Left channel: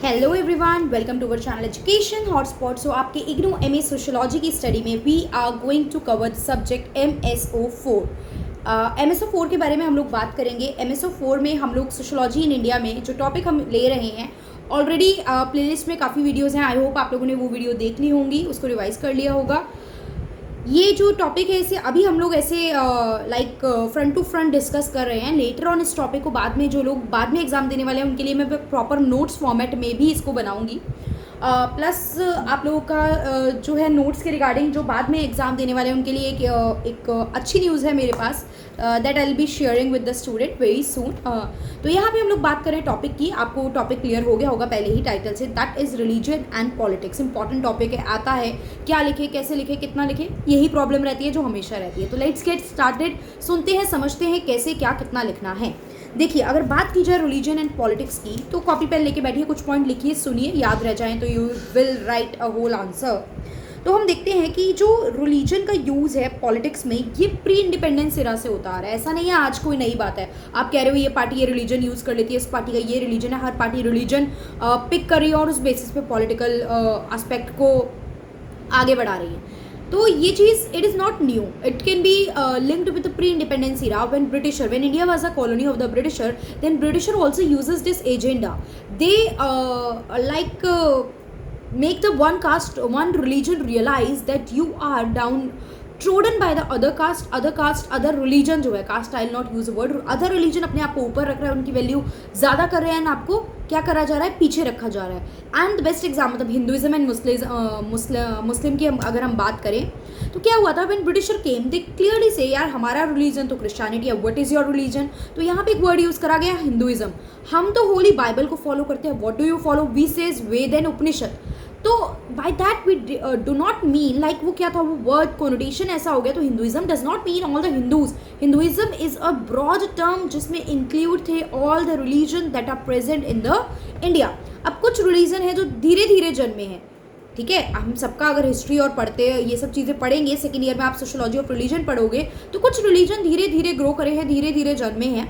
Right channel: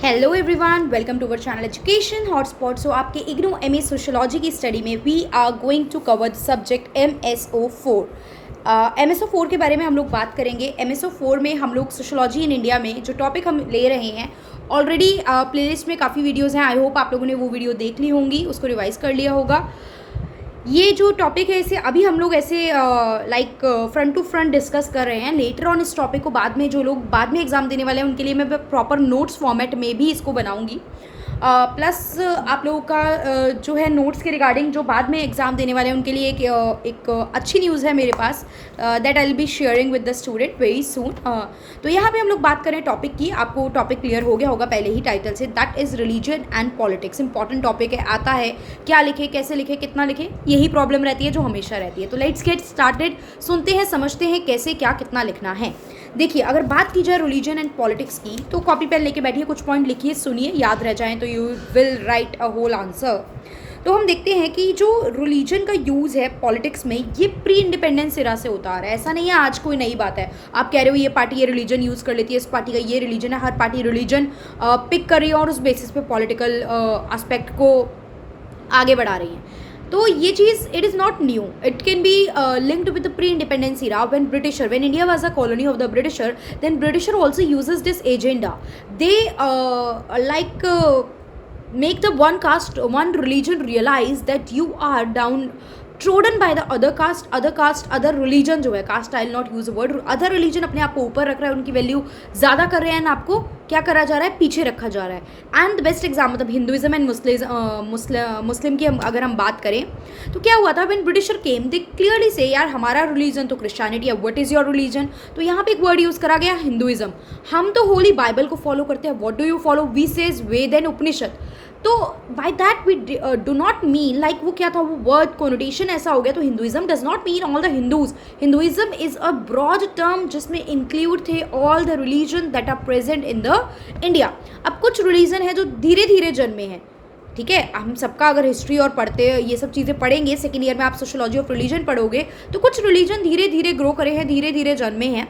Hello everyone, welcome to our channel education hotspot. So आपके IGNOU MA sociology की study में we are going to cover the subject M S O four के बारे में हम लोग बात करेंगे। एम एस ओ फोर में हम लोग सोशियोलॉजी इन इंडिया में जो टॉपिक हम ले रहे हैं, ऑलरेडी प्लेलिस्ट में काफ़ी वीडियोज़ हैं। आई होप आप लोगों ने वो वीडियो देख ली होंगी, उसको रिवाइज कर लिया होगा। ये जो टॉपिक है इसे अभी हम लोग ऐसे like front to front discuss कर रहे हैं। लेटर ऑन इस टॉपिक को बाद में जो लोग बाद में एग्जाम देने वाले हैं उनके लिए मैं प्रॉपर नोट्स फॉर्मेट में भी इसको बनाऊंगी। प्लस आप लोगों का जो है नोट्स के रिगार्डिंग जो बाद में एग्ज़ाम देने वाले हैं उनके लिए एक अच्छी न्यूज़ है मेरे पास, that I will be sharing with the student very soon. तो यहाँ पे हम लोग बात करें टॉपिक की। आपको टॉपिक क्लियर हो गया होगा पहले ही टाइटल से, that is religion and politics. Important topic है, आता है क्या लिखे, कैसे लिखे, कितना लिखे, यही प्रॉब्लम रहती है जो हमेशा रहती है। तो लेट्स गेट स्टार्टेड, सुनते हैं, समझते हैं कैसे क्या कितना लिखना है। देखिए, अगर बात की जाए रिलीजन एंड पॉलिटिक्स की तो कॉपी पेन लेके बैठिए, कुछ पॉइंट लिखिए, सुनिए, याद रह जाएं तो you will write a whole answer. तो हम देखते हैं कि जो रिलीजन का यूज़ है पॉलिटिक्स में ये प्री इंडिपेंडेंस एरा से होता आ रहा है। ऐसा नहीं है आज कोई नई बात है। आप कह रहे हो ये पार्टी ये रिलीजन यूज़ कर लेती है, इस पार्टी का ये रिलीजन है, हर पार्टी रिलीजन पिक कर रही है और उस बेसिस पे पॉलिटिकल एस्पेक्ट को आगे बढ़ा रही है। तो ये चीज़ it is not new, it can be linked with the pre independence era when India was a colony of the Britisher, then Britisher also uses this agenda. They make the one caste one religion realize that you are down trodden by the other caste other religion। जो है caste, I will not use word, other religion अपने आप को ऊपर रख रहा है, उनकी वैल्यू ज़्यादा कर रहे हैं, एंड आपको क्या करा जा रहा है, पीछे रखा जा रहा है। एंड द बेस्ट एग्जाम्पल मतलब हिंदुइज्म एंड मुस्लिम की अगर हम बात करें तो क्या हुआ था, when britisher came they clearly से यार हमारा रिलीजन तो क्रिश्चियनिटी है, व्हाट इज़ योर रिलीजन। तो यहाँ पे एक वर्ड यूज़ करा गया हिंदुइज्म। हम तो होली बाइबल को फॉलो करते हैं, what do you follow, we says Veda and Upanishad. तो by that we do not mean like वो क्या था, वो वर्ड कोनोटेशन ऐसा हो गया। तो Hinduism does not mean all the Hindus. Hinduism is a broad term जिसमें इंक्लूड थे all the religion that are present in the India. अब कुछ रिलीजन है जो धीरे धीरे जन्मे हैं, ठीक है। हम सबका अगर हिस्ट्री और पढ़ते ये सब चीज़ें पढ़ेंगे, सेकेंड ईयर में आप सोशियोलॉजी ऑफ रिलीजन पढ़ोगे, तो कुछ रिलीजन धीरे धीरे ग्रो करे हैं, धीरे धीरे जन्मे हैं।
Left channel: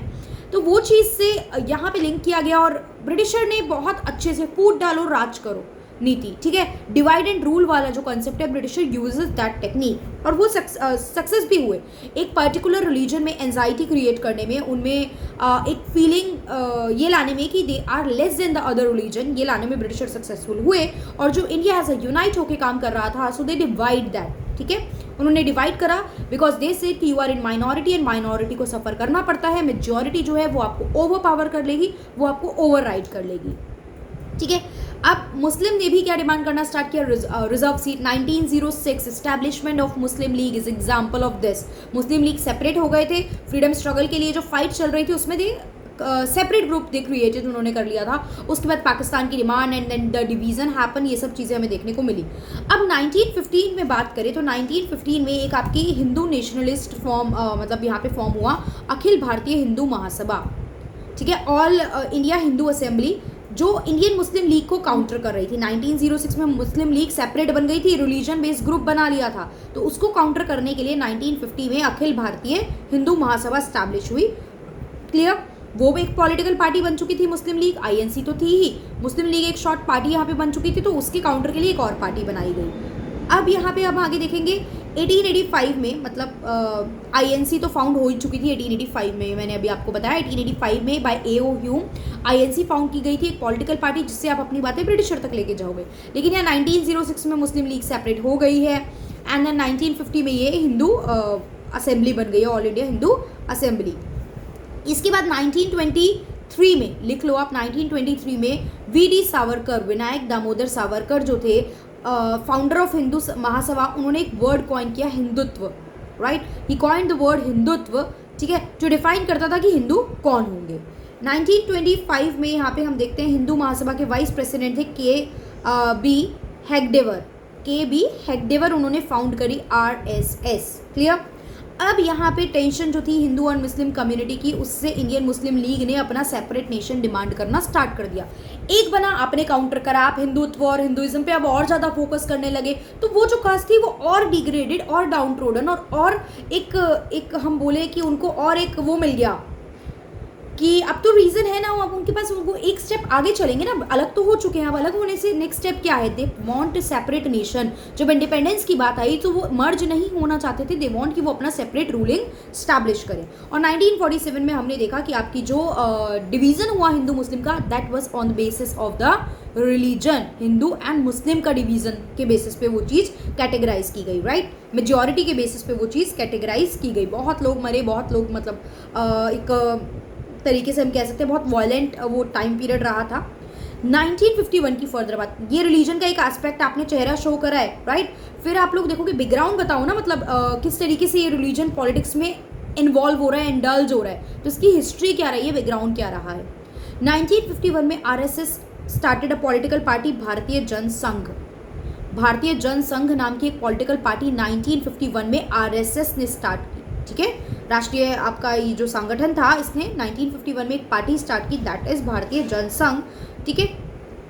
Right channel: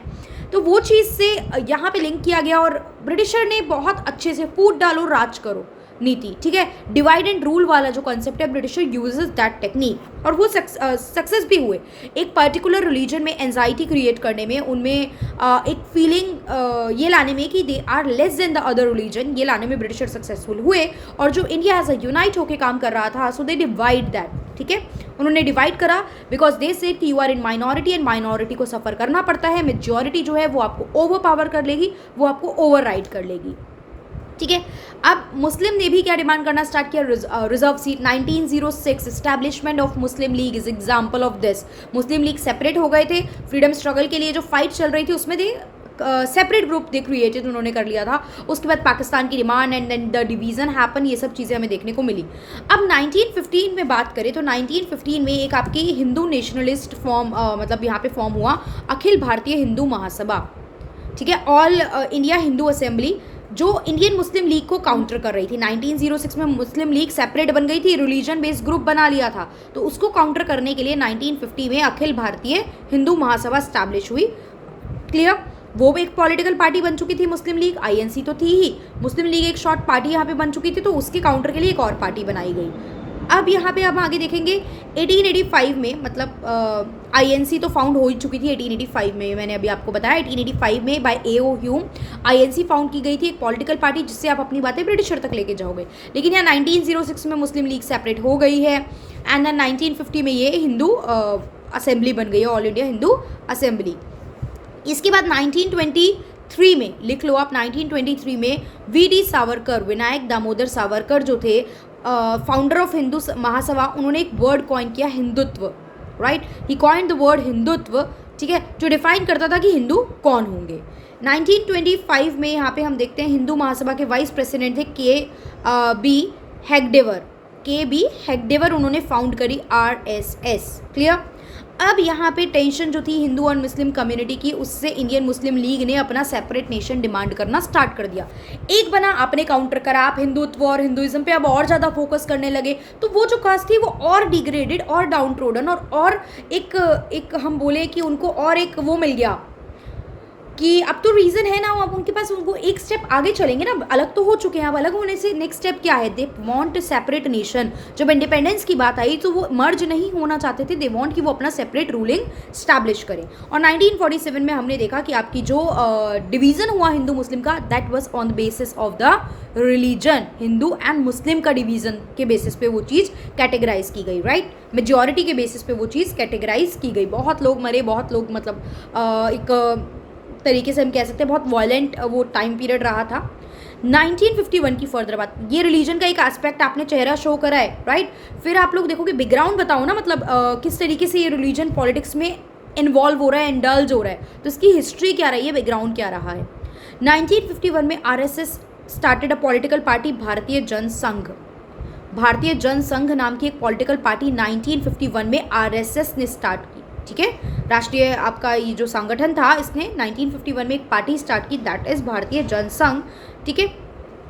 तो वो चीज़ से यहाँ पे लिंक किया गया और ब्रिटिशर ने बहुत अच्छे से फूट डालो राज करो नीति, ठीक है, डिवाइड एंड रूल वाला जो कॉन्सेप्ट है, ब्रिटिशर यूजेस दैट टेक्निक और वो सक्सेस भी हुए। एक पर्टिकुलर रिलीजन में एंजाइटी क्रिएट करने में, उनमें एक फीलिंग ये लाने में कि they are less than the other religion, ये लाने में ब्रिटिशर सक्सेसफुल हुए। और जो इंडिया एज अ यूनाइट होकर काम कर रहा था, सो दे डिवाइड दैट, ठीक है, उन्होंने डिवाइड करा बिकॉज दे से कि you are in minority and minority को सफ़र करना पड़ता है, मेजॉरिटी जो है वो आपको ओवर पावर कर लेगी, वो आपको ओवर राइड कर लेगी, ठीक है। अब मुस्लिम ने भी क्या डिमांड करना स्टार्ट किया, reserve seat. 1906 establishment of Muslim league is example of this. Muslim league separate हो गए थे, फ्रीडम स्ट्रगल के लिए जो फाइट चल रही थी उसमें they separate group they created, उन्होंने कर लिया था। उसके बाद पाकिस्तान की demand and then the division happen, ये सब चीज़ें हमें देखने को मिली। अब 1915 में बात करें तो 1915 में एक आपकी हिंदू नेशनलिस्ट फॉर्म मतलब यहाँ पे फॉर्म हुआ, अखिल भारतीय हिंदू महासभा, ठीक है, ऑल इंडिया हिंदू असेंबली, जो इंडियन मुस्लिम लीग को काउंटर कर रही थी। 1906 में मुस्लिम लीग सेपरेट बन गई थी, रिलीजन बेस्ड ग्रुप बना लिया था, तो उसको काउंटर करने के लिए 1950 में अखिल भारतीय हिंदू महासभा स्टैब्लिश हुई। क्लियर, वो एक पॉलिटिकल पार्टी बन चुकी थी मुस्लिम लीग, आईएनसी तो थी ही, मुस्लिम लीग एक शॉर्ट पार्टी यहाँ पे बन चुकी थी, तो उसके काउंटर के लिए एक और पार्टी बनाई गई। अब यहाँ पे अब आगे देखेंगे 1885 में, मतलब आईएनसी तो फाउंड हो ही चुकी थी 1885 में, मैंने अभी आपको बताया 1885 में by A O. Hume INC found की गई थी, एक पॉलिटिकल पार्टी जिससे आप अपनी बातें ब्रिटिशर तक लेके जाओगे। लेकिन यहाँ 1906 में मुस्लिम लीग सेपरेट हो गई है एंड देन 1950 में ये हिंदू असेंबली बन गई है, ऑल इंडिया हिंदू असेंबली। इसके बाद 1923 में लिख लो आप, 1923 में वी.डी. सावरकर, विनायक दामोदर सावरकर जो थे फाउंडर ऑफ हिंदू महासभा, उन्होंने एक वर्ड कॉइन किया, Hindutva, right, he coined the word Hindutva, ठीक है, जो डिफाइन करता था कि हिंदू कौन होंगे। 1925 में यहाँ पे हम देखते हैं हिंदू महासभा के वाइस प्रेसिडेंट थे के बी हेगडेवर, उन्होंने फाउंड करी आरएसएस। क्लियर। अब यहाँ पे टेंशन जो थी हिंदू और मुस्लिम कम्युनिटी की, उससे इंडियन मुस्लिम लीग ने अपना सेपरेट नेशन डिमांड करना स्टार्ट कर दिया। एक बना, आपने काउंटर करा, आप हिंदुत्व और हिंदुइज्म पे अब और ज़्यादा फोकस करने लगे, तो वो जो कास्ट थी वो और डिग्रेडेड और डाउन ट्रोडन और एक हम बोले कि उनको और एक वो मिल गया, कि अब तो रीज़न है ना, अब उनके पास, उनको एक स्टेप आगे चलेंगे ना, अलग तो हो चुके हैं, अब अलग होने से नेक्स्ट स्टेप क्या है, दे वांट सेपरेट नेशन। जब इंडिपेंडेंस की बात आई तो वो मर्ज नहीं होना चाहते थे, दे वांट कि वो अपना सेपरेट रूलिंग स्टैब्लिश करें। और 1947 में हमने देखा कि आपकी जो डिवीज़न हुआ हिंदू मुस्लिम का, that was on the basis of the religion. Hindu and Muslim का डिवीज़न के बेसिस पे वो चीज़ कैटेगराइज की गई, राइट। मेजॉरिटी के बेसिस पे वो चीज़ कैटेगराइज की गई। बहुत लोग मरे, बहुत लोग, मतलब एक तरीके से हम कह सकते हैं बहुत वायलेंट वो टाइम पीरियड रहा था। 1951 की फर्दर बात, ये रिलीजन का एक एस्पेक्ट आपने चेहरा शो करा है, राइट। फिर आप लोग देखोगे बैकग्राउंड बताओ ना, मतलब किस तरीके से ये रिलीजन पॉलिटिक्स में इन्वॉल्व हो रहा है, इंडल्ज हो रहा है, तो इसकी हिस्ट्री क्या रही है, बैकग्राउंड क्या रहा है। 1951 में RSS started a political party, भारतीय जनसंघ। भारतीय जनसंघ नाम की एक पॉलिटिकल पार्टी 1951 में आरएसएस ने स्टार्ट की, ठीक है। राष्ट्रीय आपका ये जो संगठन था, इसने 1951 में एक पार्टी स्टार्ट की, दैट इज भारतीय जनसंघ, ठीक है।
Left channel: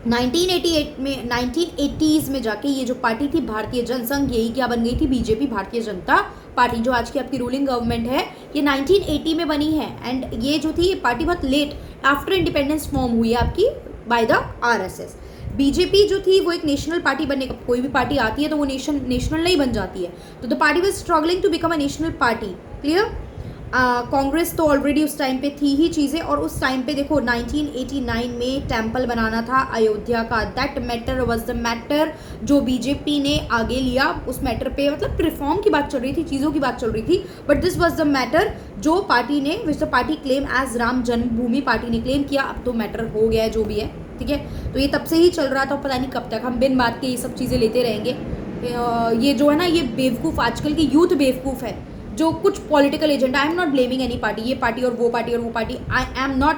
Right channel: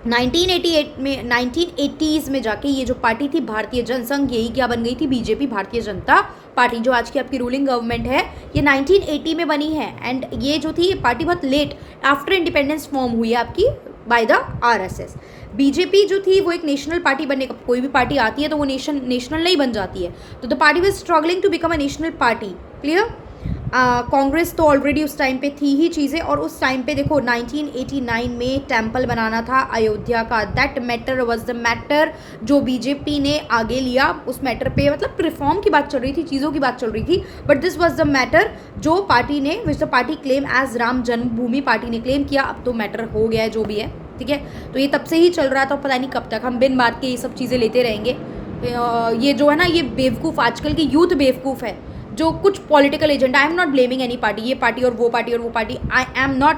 1980s में जाके ये जो पार्टी थी भारतीय जनसंघ, यही क्या बन गई थी, बीजेपी, भारतीय जनता पार्टी, जो आज की आपकी रूलिंग गवर्नमेंट है, ये 1980 में बनी है। एंड ये जो थी ये पार्टी बहुत लेट आफ्टर इंडिपेंडेंस फॉर्म हुई है आपकी बाय द आरएसएस। बीजेपी जो थी वो एक नेशनल पार्टी बनने का, कोई भी पार्टी आती है तो वो नेशनल नहीं बन जाती है, तो the party was struggling to become a national party, clear. Congress तो ऑलरेडी उस टाइम पे थी ही चीज़ें, और उस टाइम पे देखो 1989 में टेम्पल बनाना था अयोध्या का, that matter was the matter जो बीजेपी ने आगे लिया। उस मैटर पे मतलब रिफॉर्म की बात चल रही थी, चीज़ों की बात चल रही थी, but this was the matter जो पार्टी ने, which the party claim as Ram Janmabhoomi party ने क्लेम किया। अब तो मैटर हो गया है जो भी है, ठीक है। तो ये तब से ही चल रहा था, पता नहीं कब तक हम बिन बात के ये सब चीज़ें लेते रहेंगे। ये जो है ना, ये बेवकूफ़, आजकल की यूथ बेवकूफ़ है जो कुछ political agenda, I am not blaming any party, ये पार्टी और वो पार्टी और वो party, I am not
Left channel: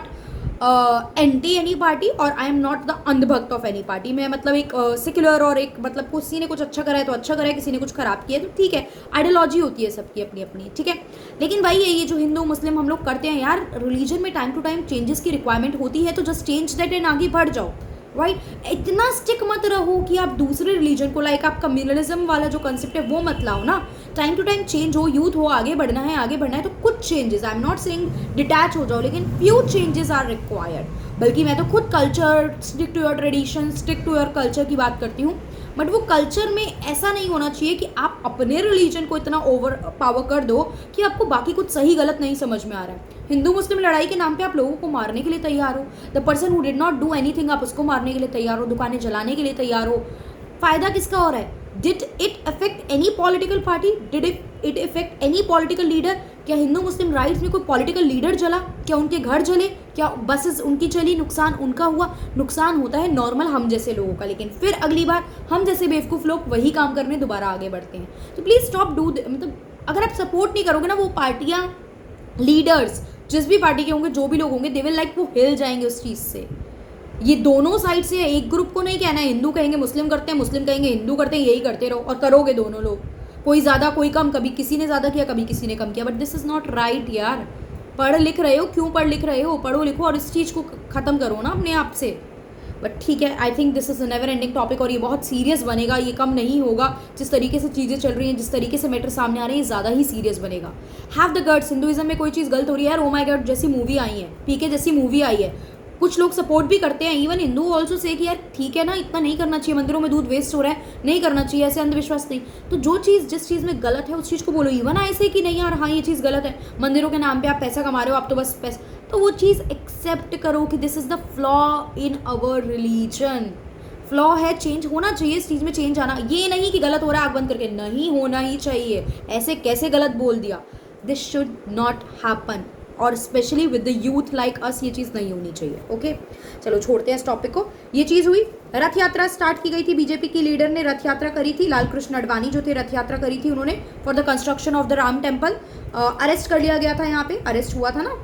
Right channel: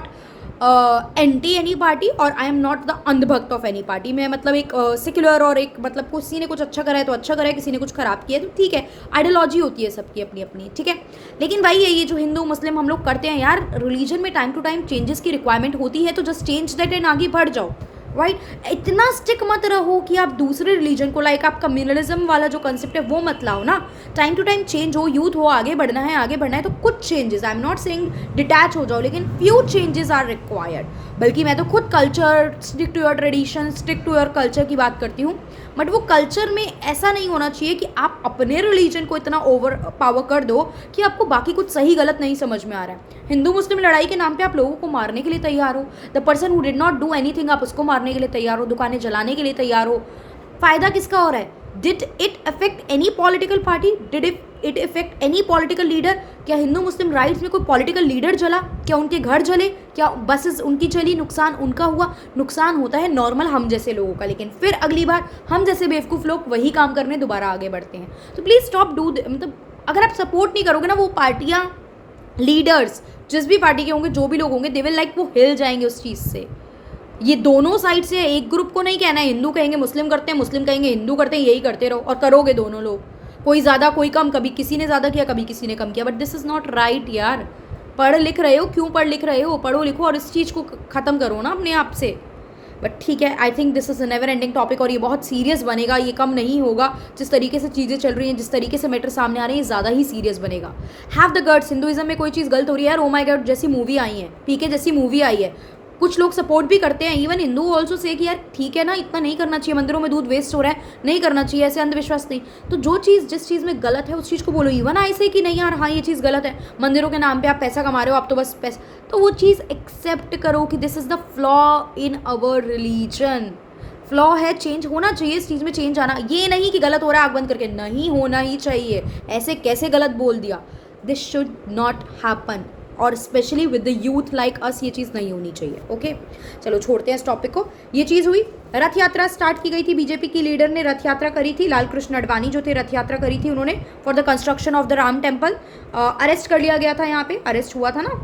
anti any party और आई एम नॉट द अंधभक्त ऑफ एनी पार्टी। मैं मतलब एक सेक्युलर और एक मतलब किसी ने कुछ अच्छा करा है तो अच्छा करा है, किसी ने कुछ खराब किया है तो ठीक है, आइडियोलॉजी होती है सबकी अपनी अपनी, ठीक है। लेकिन भाई ये जो हिंदू मुस्लिम हम लोग करते हैं यार, रिलीजन में टाइम टू टाइम चेंजेस की रिक्वायरमेंट होती है, तो जस्ट चेंज दैट एंड आगे बढ़ जाओ, राइट। इतना स्टिक मत रहो कि आप दूसरे रिलीजन को, लाइक आप कम्युनलिज्म वाला जो कंसेप्ट है वो मत लाओ ना। टाइम टू टाइम चेंज हो, यूथ हो, आगे बढ़ना है तो कुछ changes, I am not saying detach हो जाओ, लेकिन फ्यू चेंजेस आर रिक्वायर्ड। बल्कि मैं तो खुद culture, stick to your tradition, stick to your culture की बात करती हूँ, बट वो कल्चर में ऐसा नहीं होना चाहिए कि आप अपने रिलीजन को इतना ओवर पावर कर दो कि आपको बाकी कुछ सही गलत नहीं समझ में आ रहा है। हिंदू मुस्लिम लड़ाई के नाम पे आप लोगों को मारने के लिए तैयार हो, the person who did not do anything आप उसको मारने के लिए तैयार हो, दुकानें जलाने के लिए तैयार हो। फायदा किसका हो रहा है? Did it affect any political party? Did it effect any political leader? क्या हिंदू मुस्लिम राइट्स में कोई पॉलिटिकल लीडर जला? क्या उनके घर जले? क्या बसेस उनकी चली? नुकसान उनका हुआ? नुकसान होता है नॉर्मल हम जैसे लोगों का, लेकिन फिर अगली बार हम जैसे बेवकूफ़ लोग वही काम करने दोबारा आगे बढ़ते हैं। तो प्लीज़ स्टॉप डू, मतलब अगर आप सपोर्ट नहीं करोगे ना, वो पार्टियाँ, लीडर्स जिस भी पार्टी के होंगे, जो भी लोग होंगे, दे विल लाइक, वो हिल जाएंगे उस चीज़ से। ये दोनों साइड से, एक ग्रुप को नहीं कहना है हिंदू कहेंगे मुस्लिम करते हैं, मुस्लिम कहेंगे हिंदू करते हैं, यही करते रहो और करोगे दोनों लोग, कोई ज़्यादा कोई कम, कभी किसी ने ज़्यादा किया कभी किसी ने कम किया, but this is not right यार। पढ़ लिख रहे हो, क्यों पढ़ लिख रहे हो? पढ़ो लिखो और इस चीज़ को ख़त्म करो ना अपने आप से। बट ठीक है, I think this is a never ending topic और ये बहुत सीरियस बनेगा, ये कम नहीं होगा। जिस तरीके से चीज़ें चल रही हैं, जिस तरीके से मैटर सामने आ रहे हैं, ज़्यादा ही सीरियस बनेगा। हैव द गट्स, हिंदुइज्म में कोई चीज़ गलत हो रही है यार, ओ माय गॉड जैसी मूवी आई है, पीके जैसी मूवी आई है, कुछ लोग सपोर्ट भी करते हैं, इवन हिंदू ऑल्सो से कि यार ठीक है ना, इतना नहीं करना चाहिए, मंदिरों में दूध वेस्ट हो रहा है, नहीं करना चाहिए, ऐसे अंधविश्वास नहीं। तो जो चीज़, जिस चीज़ में गलत है उस चीज़ को बोलो, इवन ऐसे कि नहीं यार हाँ ये चीज़ गलत है, मंदिरों के नाम पे आप पैसा कमा रहे हो, आप तो बस पैसा, तो वो चीज़ एक्सेप्ट करो कि this is the flaw in our religion. Flaw है, चेंज होना चाहिए, इस चीज़ में चेंज आना, ये नहीं कि गलत हो रहा है आग बंद करके, नहीं होना ही चाहिए, ऐसे कैसे गलत बोल दिया, दिस शुड नॉट हैपन, और specially with the youth like us ये चीज़ नहीं होनी चाहिए। ओके, चलो छोड़ते हैं इस टॉपिक को। ये चीज़ हुई। रथ यात्रा स्टार्ट की गई थी, बीजेपी की लीडर ने रथ यात्रा करी थी, लाल कृष्ण अडवाणी जो थे रथ यात्रा करी थी उन्होंने, for the construction of the Ram temple. Arrest कर लिया गया था, यहाँ पे अरेस्ट हुआ था ना,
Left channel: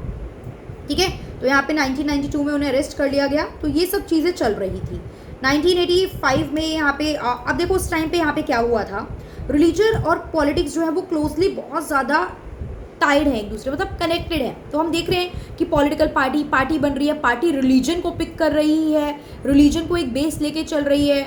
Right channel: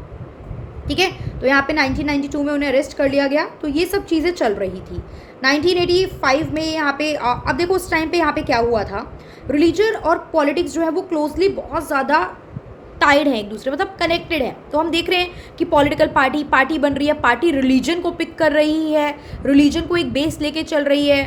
ठीक है। तो यहाँ पे 1992 में उन्हें अरेस्ट कर लिया गया। तो ये सब चीज़ें चल रही थी। 1985 में यहाँ पे अब देखो उस टाइम पे यहाँ पे क्या हुआ था, रिलीजन और पॉलिटिक्स जो है वो क्लोजली बहुत ज़्यादा टाइड है एक दूसरे, मतलब कनेक्टेड है। तो हम देख रहे हैं कि पॉलिटिकल पार्टी बन रही है, पार्टी रिलीजन को पिक कर रही है, रिलीजन को एक बेस लेके चल रही है।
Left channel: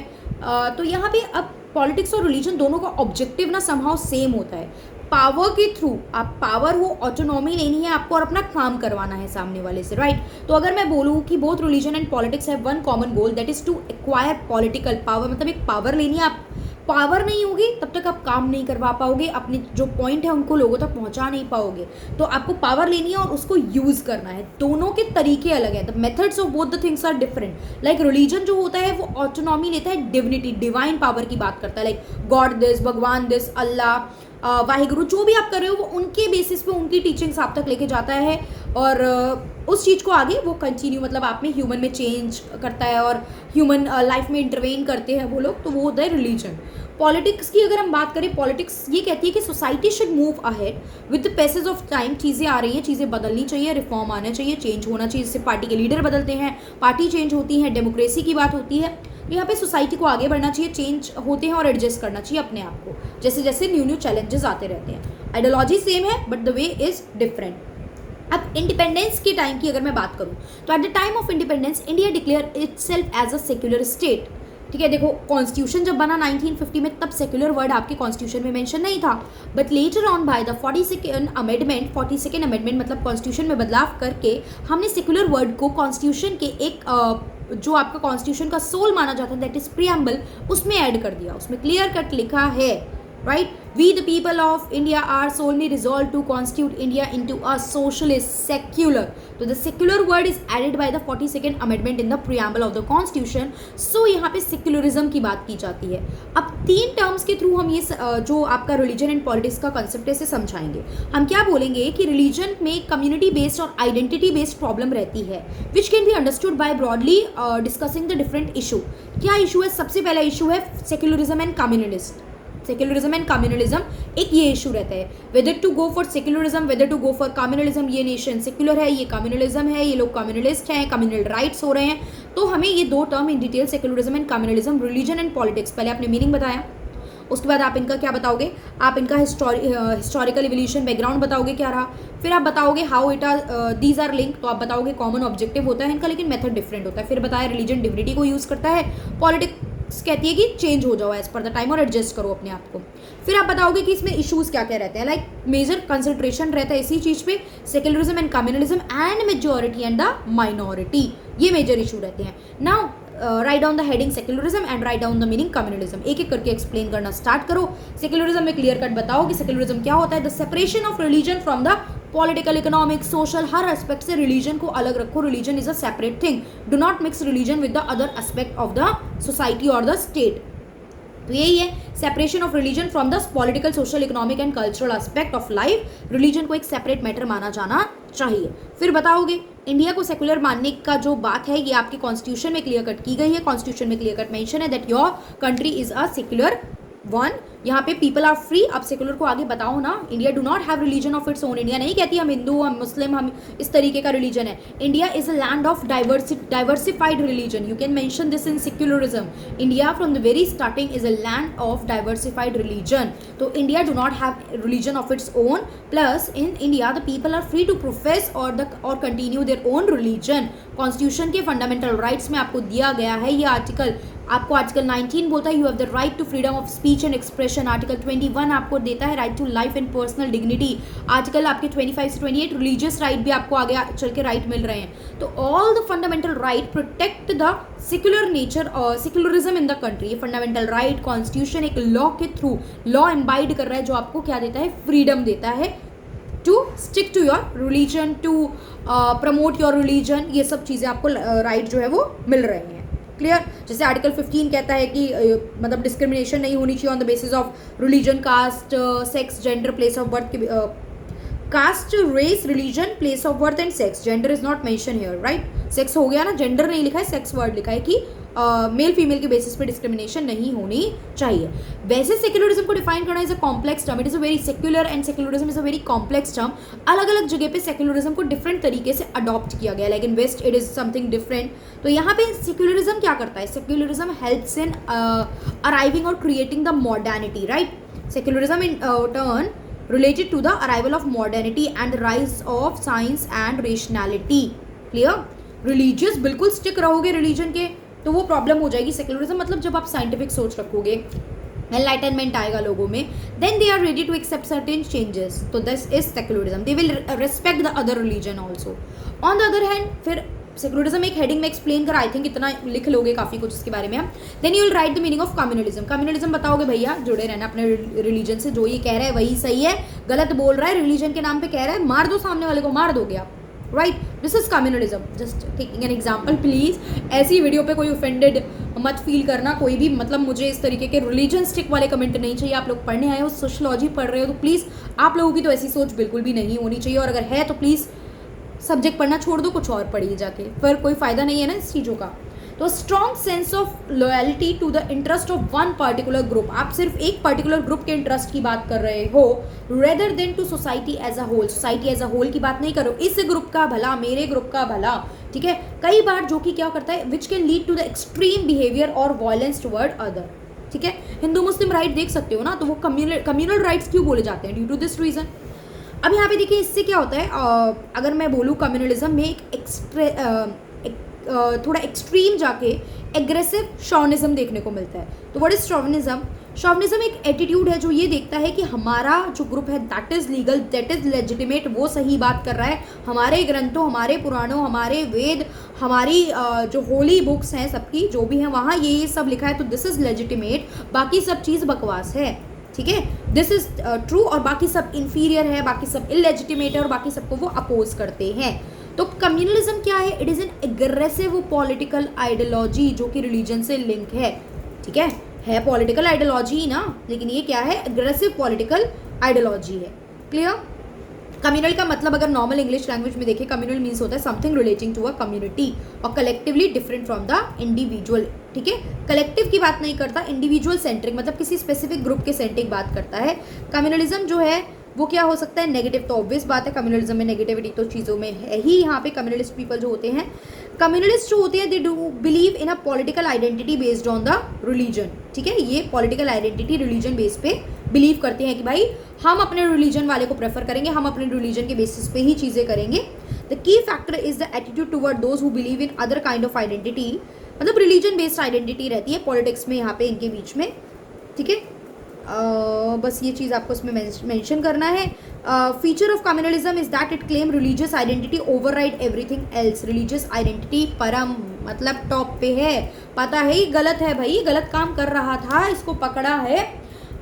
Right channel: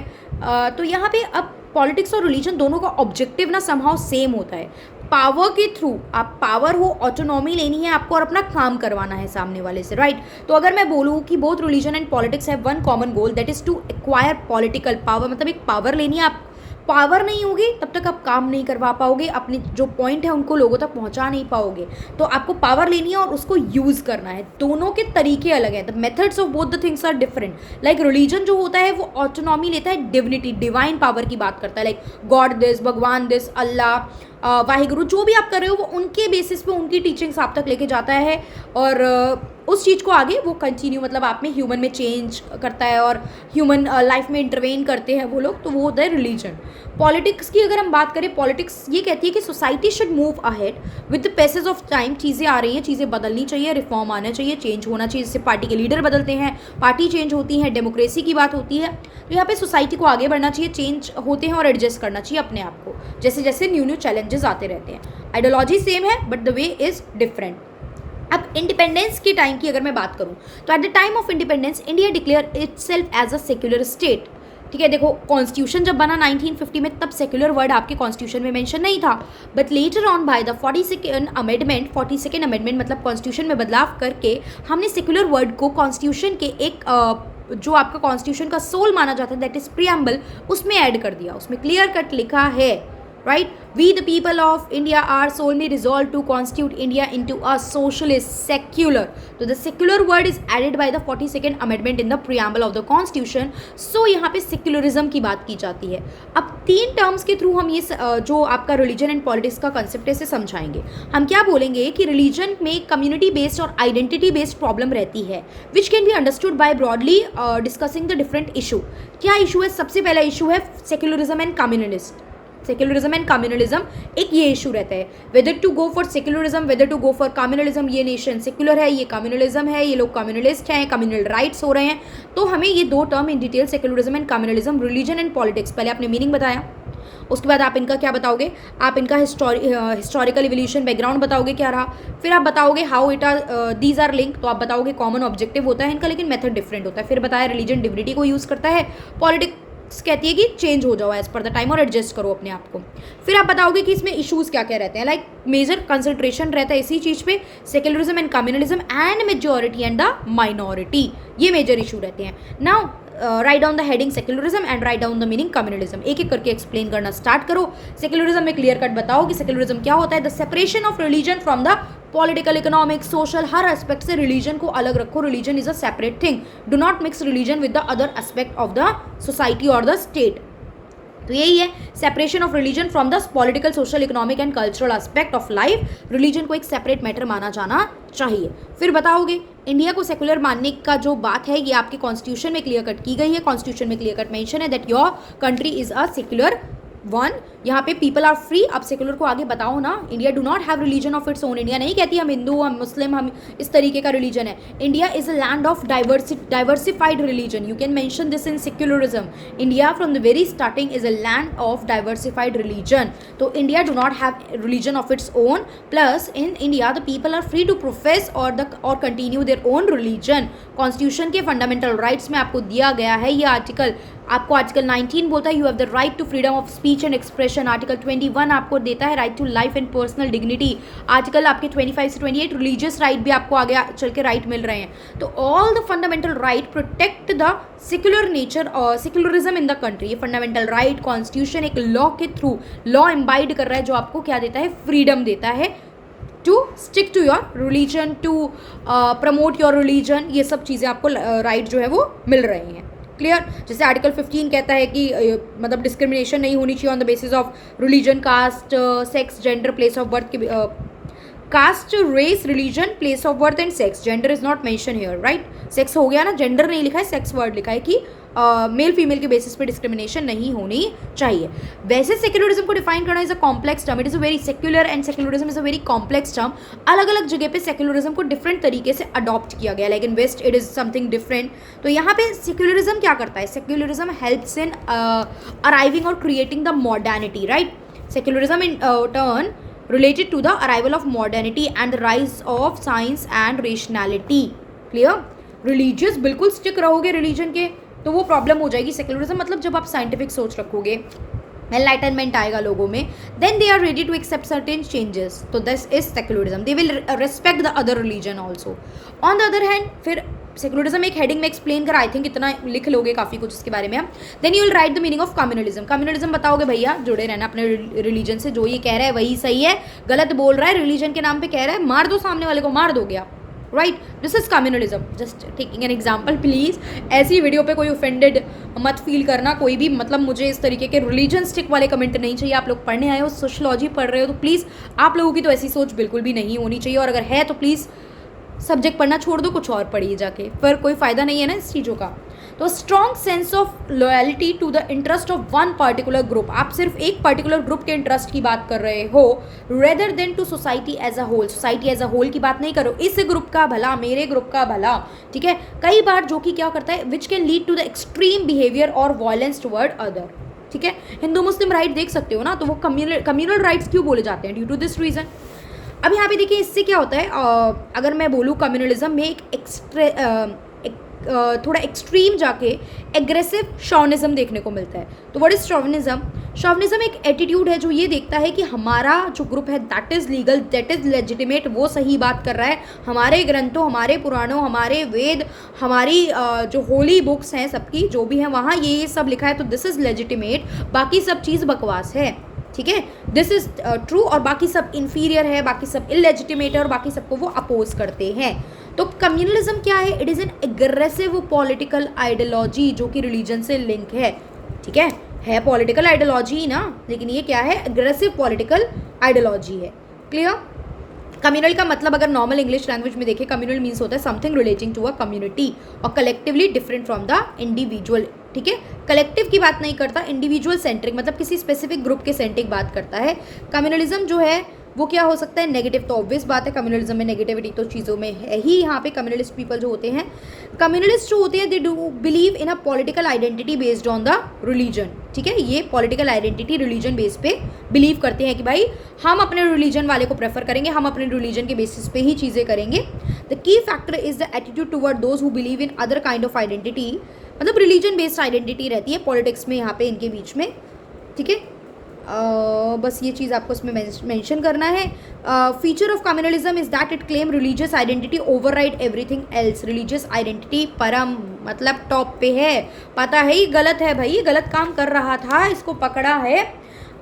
तो यहाँ पे अब पॉलिटिक्स और रिलीजन दोनों का ऑब्जेक्टिव ना समहाउ सेम होता है। पावर के थ्रू, आप पावर हो, ऑटोनॉमी लेनी है आपको और अपना काम करवाना है सामने वाले से, राइट। तो अगर मैं बोलूँ कि both religion and politics have one common goal, that is to acquire political power, मतलब एक पावर लेनी है। आप पावर नहीं होगी तब तक आप काम नहीं करवा पाओगे, अपने जो पॉइंट है उनको लोगों तक पहुंचा नहीं पाओगे। तो आपको पावर लेनी है और उसको यूज करना है। दोनों के तरीके अलग हैं, the methods of both the things are different. Like religion जो होता है वो ऑटोनॉमी लेता है, डिविनिटी, डिवाइन पावर की बात करता है, लाइक गॉड दिस, भगवान दिस, अल्लाह, वाहिगुरु, जो भी आप कर रहे हो वो उनके बेसिस पे उनकी टीचिंग्स आप तक लेके जाता है और उस चीज़ को आगे वो कंटिन्यू, मतलब आप में ह्यूमन में चेंज करता है और ह्यूमन लाइफ में इंटरवेन करते हैं वो लोग, तो वो होता है रिलीजन। पॉलिटिक्स की अगर हम बात करें, पॉलिटिक्स ये कहती है कि society should move ahead with the passage of time. चीज़ें आ रही हैं, चीज़ें बदलनी चाहिए, रिफॉर्म आना चाहिए, चेंज होना चाहिए, जिससे पार्टी के लीडर बदलते हैं, पार्टी चेंज होती है, डेमोक्रेसी की बात होती है। तो यहाँ पे सोसाइटी को आगे बढ़ना चाहिए, चेंज होते हैं और एडजस्ट करना चाहिए अपने आप को, जैसे जैसे न्यू न्यू चैलेंजेस आते रहते हैं। आइडियोलॉजी सेम है but the way is different. अब इंडिपेंडेंस के टाइम की अगर मैं बात करूँ तो at the time of independence India declare itself as a secular state. ठीक है, देखो कॉन्स्टिट्यूशन जब बना 1950 में तब सेक्युलर वर्ड आपके कॉन्स्टिट्यूशन में मेंशन नहीं था, but later on by the 42nd amendment मतलब कॉन्स्टिट्यूशन में बदलाव करके हमने सेक्युलर वर्ड को कॉन्स्टिट्यूशन के एक जो आपका कॉन्स्टिट्यूशन का सोल माना जाता है, दैट इज प्रीएम्बल, उसमें ऐड कर दिया। उसमें क्लियर कट लिखा है, right? We the people of India are solemnly resolved to constitute India into a socialist secular. So the secular word is added by the 42nd amendment in the preamble of the constitution. So यहाँ पे secularism की बात की जाती है। अब 3 terms के through हम ये जो आपका रिलीजन एंड पॉलिटिक्स का कंसेप्ट है इसे समझाएंगे। हम क्या बोलेंगे कि रिलीजन में कम्युनिटी बेस्ड और आइडेंटिटी बेस्ड प्रॉब्लम रहती है, which can be understood by broadly discussing the different issue. क्या इशू है? सबसे पहला इशू है secularism and communalist. Secularism and communalism, एक ये इशू रहता है, whether to go for secularism, whether to go for communalism. ये नेशन सेक्युलर है, ये कम्युनलिज्म है, ये लोग कम्युनलिस्ट हैं, कम्युनल राइट्स हो रहे हैं। तो हमें ये 2 term in detail, secularism and communalism, religion and politics, पहले आपने मीनिंग बताया, उसके बाद आप इनका क्या बताओगे, आप इनका हिस्टोरिकल इवोल्यूशन बैकग्राउंड बताओगे क्या रहा, फिर आप बताओगे how it are these are link, तो आप बताओगे कॉमन ऑब्जेक्टिव होता है इनका लेकिन मेथड डिफरेंट होता है। फिर बताया रिलीजन डिविनिटी को यूज़ करता है, पॉलिटिक्स कहती है कि चेंज हो जाओ एज पर द टाइम और एडजस्ट करो अपने आप को। फिर आप बताओगे कि इसमें इश्यूज क्या क्या रहते हैं, लाइक मेजर कंसंट्रेशन रहता है इसी चीज़ पे, secularism and communalism and majority and the minority, ये मेजर इशू रहते हैं। Now write down the heading secularism and write down the meaning communalism. एक एक करके एक्सप्लेन करना स्टार्ट करो। सेक्युलरिज्म में क्लियर कट बताओ कि सेक्युलरिज्म क्या होता है, the separation of religion from the political, economic, social, her aspect से रिलीजन को अलग रखो। Religion is a separate thing, do not mix religion with the other aspect of the society और द स्टेट। तो यही है separation of religion from the political, social, economic and cultural aspect of life. Religion को एक separate matter माना जाना चाहिए। फिर बताओगे इंडिया को सेकुलर मानने का जो बात है ये आपके कॉन्स्टिट्यूशन में क्लियर कट की गई है। कॉन्स्टिट्यूशन में क्लियर कट मेंशन है that your country is a secular one, यहाँ पे पीपल आर फ्री। अब सेकुलर को आगे बताओ ना, India do not have religion of its own. India नहीं कहती हम हिंदू, हम मुस्लिम, हम इस तरीके का रिलीजन है। India is a land of diversified religion, you can mention this in secularism. India from the very starting is a land of diversified religion. तो India do not have religion of its own, plus in India the people are free to profess और continue their own religion. Constitution के fundamental rights में आपको दिया गया है ये article, आपको आर्टिकल 19 बोलता है you have the right to freedom of speech and expression. Article 21 आपको देता है right to life and personal dignity. Article आपके 25 से 28 रिलीजियस राइट भी आपको आगे चल के राइट मिल रहे हैं। तो all the fundamental right protect the secular nature और सेक्युलरिज्म इन द कंट्री। ये फंडामेंटल राइट कॉन्स्टिट्यूशन एक लॉ के थ्रू लॉ एम्बाइड कर रहा है जो आपको क्या देता है, फ्रीडम देता है to stick to your religion, to promote your religion. ये सब चीज़ें आपको राइट जो है वो मिल रही हैं। क्लियर? जैसे आर्टिकल 15 कहता है कि मतलब डिस्क्रिमिनेशन नहीं होनी चाहिए on the basis of religion, caste, sex, gender, place of birth. Caste, race, religion, place of birth and sex, gender is not mention here, right? Sex हो गया ना, जेंडर नहीं लिखा है, सेक्स वर्ड लिखा है कि मेल फीमेल के बेसिस पे डिस्क्रिमिनेशन नहीं होनी चाहिए। वैसे सेक्युलरिज्म को डिफाइन करना is a complex term, it is a very secular and secularism is a very complex term. अलग अलग जगह पे सेक्युलरिज्म को डिफरेंट तरीके से अडॉप्ट किया गया, like in west it is something different. तो यहाँ पे सेक्युलरिज्म क्या करता है, सेक्युलरिज्म हेल्प्स इन अराइविंग और creating the modernity, right? Secularism in turn related to the arrival of modernity and the rise of science and rationality. Clear? Religious बिल्कुल stick रहोगे religion के तो वो प्रॉब्लम हो जाएगी। सेक्युलरिज्म मतलब जब आप साइंटिफिक सोच रखोगे, एनलाइटनमेंट आएगा लोगों में, then they are ready to accept certain changes. तो this is secularism. They will respect the other religion also. On the other hand फिर सेक्युलरिज्म एक हेडिंग में एक्सप्लेन करा, आई थिंक इतना लिख लोगे काफ़ी कुछ इसके बारे में आप. Then you will write the meaning of communalism. Communalism बताओगे भैया, जुड़े रहना अपने रिलीजन से, जो ये कह रहा है वही सही है, गलत बोल रहा है, रिलीजन के नाम पे कह रहा है, मार दो सामने वाले को, मार दोगे आप. Right, this is communalism. Just taking an example. Please ऐसी वीडियो पे कोई ऑफेंडेड मत फील करना कोई भी. मतलब मुझे इस तरीके के रिलीजन स्टिक वाले कमेंट नहीं चाहिए. आप लोग पढ़ने आए हो, सोशलॉजी पढ़ रहे हो, तो प्लीज़ आप लोगों की तो ऐसी सोच बिल्कुल भी नहीं होनी चाहिए. और अगर है तो प्लीज़ सब्जेक्ट पढ़ना छोड़ दो, कुछ और पढ़िए जाके, पर कोई फ़ायदा नहीं है ना इस चीज़ों का. तो strong sense of loyalty to the interest of one particular group. आप सिर्फ एक पर्टिकुलर ग्रुप के इंटरेस्ट की बात कर रहे हो, rather than to society as a whole. Society as a whole की बात नहीं करो, इस ग्रुप का भला, मेरे ग्रुप का भला. ठीक है, कई बार जो कि क्या करता है, which can lead to the extreme behaviour और वायलेंस टुवर्ड अदर. ठीक है, हिंदू मुस्लिम राइट देख सकते हो ना, तो वो कम्युनल राइट्स क्यों बोले जाते हैं? Due to this reason. अब यहाँ पे देखिए इससे क्या होता है, अगर मैं बोलूँ कम्युनलिज्म में थोड़ा एक्सट्रीम जाके एग्रेसिव शॉविनिज्म देखने को मिलता है. तो व्हाट इज शॉविनिज्म? शॉविनिज्म एक एटीट्यूड है जो ये देखता है कि हमारा जो ग्रुप है that is legal, that is legitimate, वो सही बात कर रहा है. हमारे ग्रंथों, हमारे पुराणों, हमारे वेद, हमारी जो होली बुक्स हैं सबकी जो भी हैं वहाँ ये सब लिखा है, तो दिस इज लेजिटिमेट, बाकी सब चीज़ बकवास है. ठीक है, दिस इज ट्रू, और बाकी सब इन्फीरियर है, बाकी सब इलेजिटिमेट है, और बाकी सबको वो अपोज करते हैं. तो कम्युनलिज्म क्या है? It is an aggressive political ideology जो कि रिलीजन से लिंक है. ठीक है पॉलिटिकल आइडियोलॉजी ही ना, लेकिन ये क्या है? एग्रेसिव पॉलिटिकल आइडियोलॉजी है. क्लियर? कम्युनल का मतलब अगर नॉर्मल इंग्लिश लैंग्वेज में देखें, कम्युनल मीन्स होता है something relating to a community और collectively different from the individual. ठीक है, कलेक्टिव की बात नहीं करता, इंडिविजुअल सेंट्रिक, मतलब किसी स्पेसिफिक ग्रुप के सेंट्रिक बात करता है. कम्युनलिज्म जो है वो क्या हो सकता है? नेगेटिव. तो ऑब्वियस बात है कम्युनलिज्म में नेगेटिविटी तो चीज़ों में है ही. यहाँ पे कम्युनलिस्ट पीपल जो होते हैं, कम्युनलिस्ट जो होते हैं, they do believe in a political identity based on the religion. ठीक है, ये पॉलिटिकल आइडेंटिटी रिलीजन बेस पे बिलीव करते हैं कि भाई हम अपने रिलीजन वाले को प्रेफर करेंगे, हम अपने रिलीजन के बेसिस पे ही चीज़ें करेंगे. The key factor is the attitude toward those who believe in other kind of identity. मतलब रिलीजन बेस्ड आइडेंटिटी रहती है पॉलिटिक्स में यहाँ पे इनके बीच में. ठीक है, बस ये चीज़ आपको इसमें मेंशन करना है. Feature of communalism is that it claim religious identity override everything else. Religious identity परम, मतलब टॉप पे है. पता है ही गलत है भाई, गलत काम कर रहा था, इसको पकड़ा है,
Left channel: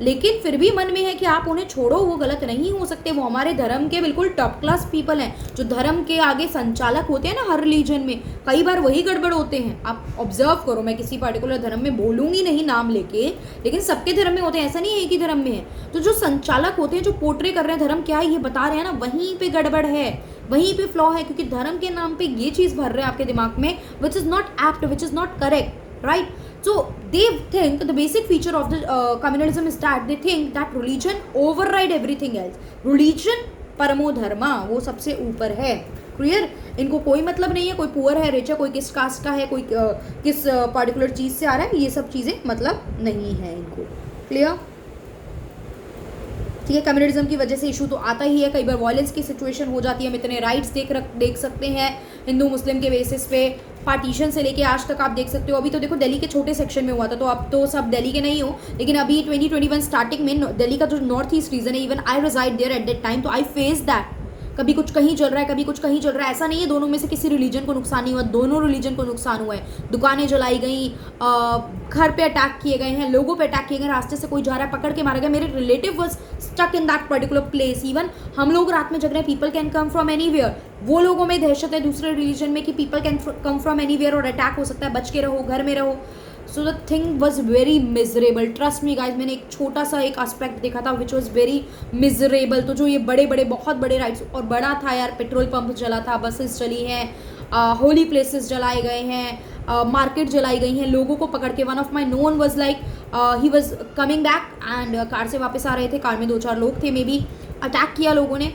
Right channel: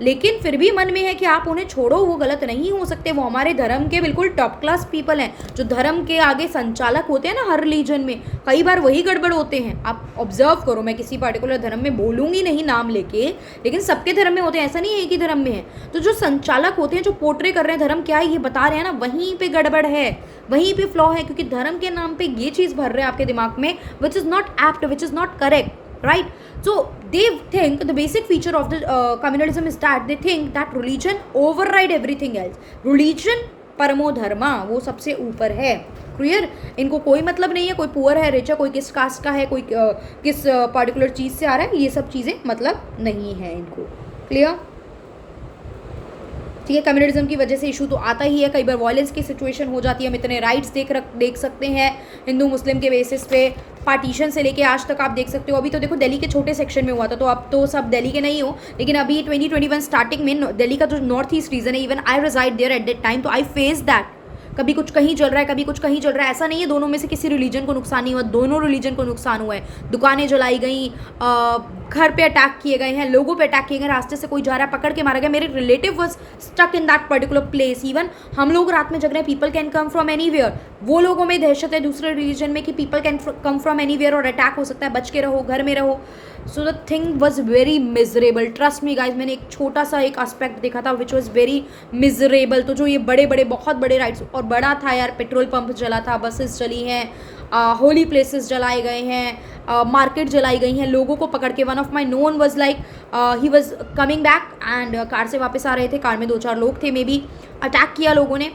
लेकिन फिर भी मन में है कि आप उन्हें छोड़ो, वो गलत नहीं हो सकते, वो हमारे धर्म के बिल्कुल टॉप क्लास पीपल हैं. जो धर्म के आगे संचालक होते हैं ना हर रिलीजन में, कई बार वही गड़बड़ होते हैं. आप ऑब्जर्व करो, मैं किसी पर्टिकुलर धर्म में बोलूँगी नहीं नाम लेके, लेकिन सबके धर्म में होते हैं, ऐसा नहीं है एक ही धर्म में है. तो जो संचालक होते हैं, जो पोर्ट्रे कर रहे हैं धर्म क्या है ये बता रहे हैं ना, वहीं पे गड़बड़ है, वहीं पे फ्लॉ है, क्योंकि धर्म के नाम पे ये चीज़ भर रहे हैं आपके दिमाग में, which is not apt, which is not correct. Right, so they think the basic feature of the communalism is that they think that religion override everything else. Religion परमो धर्मा, वो सबसे ऊपर है. क्लियर? इनको कोई मतलब नहीं है कोई पुअर है, रिच है, कोई किस कास्ट का है, कोई किस पर्टिकुलर चीज़ से आ रहा है, ये सब चीज़ें मतलब नहीं है इनको. क्लियर? ठीक है, कम्युनलिज्म की वजह से इशू तो आता ही है, कई बार वायलेंस की सिचुएशन हो जाती है. हम इतने राइट्स देख सकते हैं हिंदू मुस्लिम के बेसिस पे, पार्टीशन से लेके आज तक आप देख सकते हो. अभी तो देखो दिल्ली के छोटे सेक्शन में हुआ था, तो अब तो सब दिल्ली के नहीं हो, लेकिन अभी 2021 स्टार्टिंग में दिल्ली का जो नॉर्थ ईस्ट रीजन है, even I reside there at that time, तो आई फेस दैट. कभी कुछ कहीं चल रहा है, कभी कुछ कहीं चल रहा है. ऐसा नहीं है दोनों में से किसी रिलीजन को नुकसान नहीं हुआ, दोनों रिलीजन को नुकसान हुआ है. दुकानें जलाई गई, घर पे अटैक किए गए हैं, लोगों पे अटैक किए गए, रास्ते से कोई जा रहा है पकड़ के मारा गया. मेरे relative was stuck in that particular place. Even हम लोग रात में जग रहे हैं, people can come from anywhere. वो लोगों में दहशत है दूसरे रिलीजन में कि people can come from anywhere और अटैक हो सकता है, बच के रहो, घर में रहो. So the thing was very miserable. Trust me guys, मैंने एक छोटा सा एक एस्पेक्ट देखा था विच वॉज वेरी मिजरेबल. तो जो ये बड़े बड़े बहुत बड़े राइट्स, और बड़ा था यार, पेट्रोल पंप जला था, बसेस जली हैं, होली प्लेसेस जलाए गए हैं, मार्केट जलाई गई हैं, लोगों को पकड़ के. One of my known was like he was coming back and car से वापस आ रहे थे, कार में 2-4 लोग थे, मे बी अटैक किया लोगों ने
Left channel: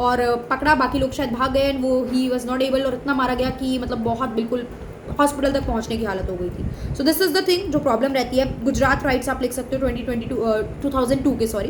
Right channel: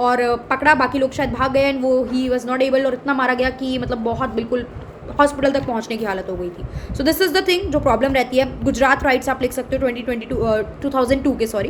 और पकड़ा, बाकी लोग शायद भाग गए एंड वो ही वॉज नॉट एबल, और इतना मारा गया कि मतलब बहुत बिल्कुल हॉस्पिटल तक पहुंचने की हालत हो गई थी. So this is the thing जो प्रॉब्लम रहती है. गुजरात राइट्स आप लिख सकते हो 2002 के, सॉरी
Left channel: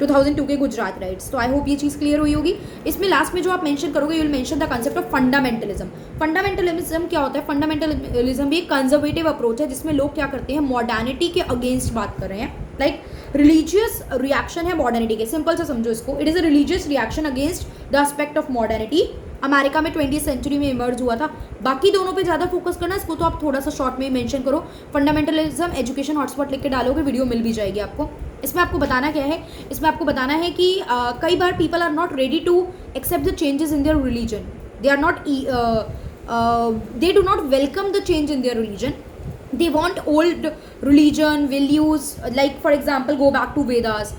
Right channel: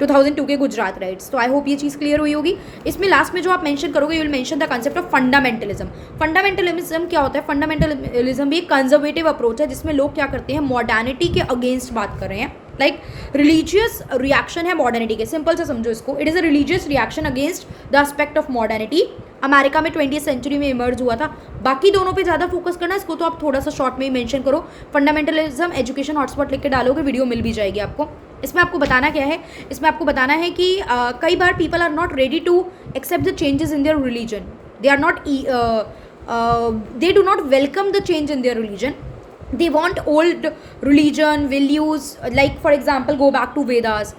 2002 के गुजरात राइट्स. तो आई होप ये चीज़ क्लियर हुई होगी. इसमें लास्ट में जो आप मेंशन करोगे, you will mention the concept of fundamentalism. Fundamentalism क्या होता है? फंडामेंटलिज्म भी एक कंजर्वेटिव अप्रोच है जिसमें लोग क्या करते हैं, मॉडर्निटी के अगेंस्ट बात कर रहे हैं. लाइक रिलीजियस रिएक्शन है मॉडर्निटी के. सिंपल से समझो इसको. It is a religious reaction against the aspect of modernity. America में 20th सेंचुरी में इमर्ज हुआ था. बाकी दोनों पे ज़्यादा फोकस करना, इसको तो आप थोड़ा सा शॉर्ट में ही मेंशन करो. फंडामेंटलिज्म एजुकेशन हॉटस्पॉट लिख के डालोगे, वीडियो मिल भी जाएगी आपको. इसमें आपको बताना क्या है? इसमें आपको बताना है कि कई बार people are not ready to accept the changes in their religion. They are not they do not welcome the change in their religion. They want old religion values, like for example go back to Vedas,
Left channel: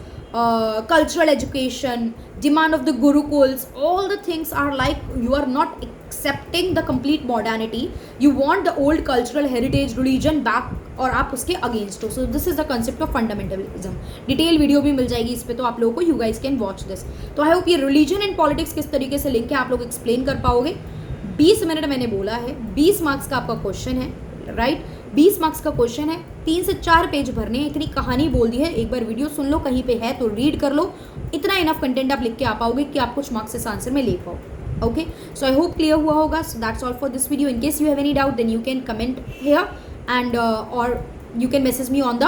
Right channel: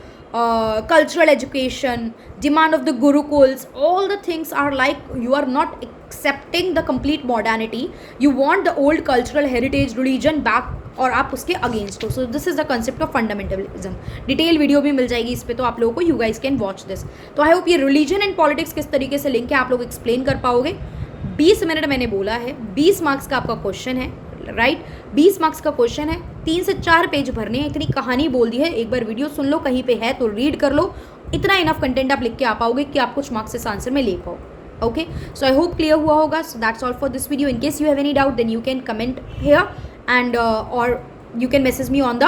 cultural education, demand of the gurukuls. All the things are like you are not accepting the complete modernity. You want the old cultural heritage religion back और आप उसके against हो. So this is the concept of fundamentalism. Detail video भी मिल जाएगी इस पर, तो आप लोगों को you guys can watch this. तो आई होप ये रिलीजन एंड पॉलिटिक्स किस तरीके से लिंक है आप लोग एक्सप्लेन कर पाओगे. 20 मिनट मैंने बोला है, 20 मार्क्स का आपका क्वेश्चन है, राइट? 20 मार्क्स का क्वेश्चन है, 3 से 4 पेज भरने हैं. इतनी कहानी बोल दी है, एक बार वीडियो सुन लो, कहीं पे है तो रीड कर लो. इतना इनफ कंटेंट आप लिख के आ पाओगे कि आप कुछ मार्क्स इस आंसर में ले पाओ. Okay, so I hope clear हुआ होगा. So that's all for this video. In case you have any doubt then you can comment here and और you can message me on the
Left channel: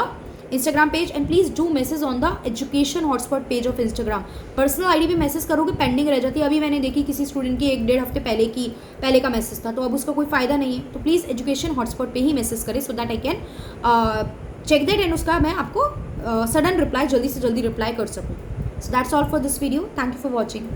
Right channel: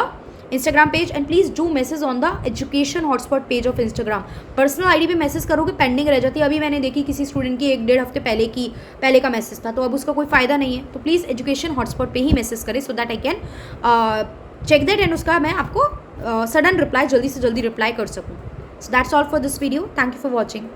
Instagram page and please do message on the education hotspot page of Instagram. Personal ID पे message करोगे pending रह जाती है. अभी मैंने देखी किसी स्टूडेंट की 1-1.5 हफ्ते पहले का मैसेज था, तो अब उसका कोई फ़ायदा नहीं है. तो प्लीज़ एजुकेशन हॉटस्पॉट पे ही मैसेज करें so that I can check that and उसका मैं आपको सडन रिप्लाई जल्दी से जल्दी रिप्लाई कर सकूँ. सो that's all for this video. Thank you for watching.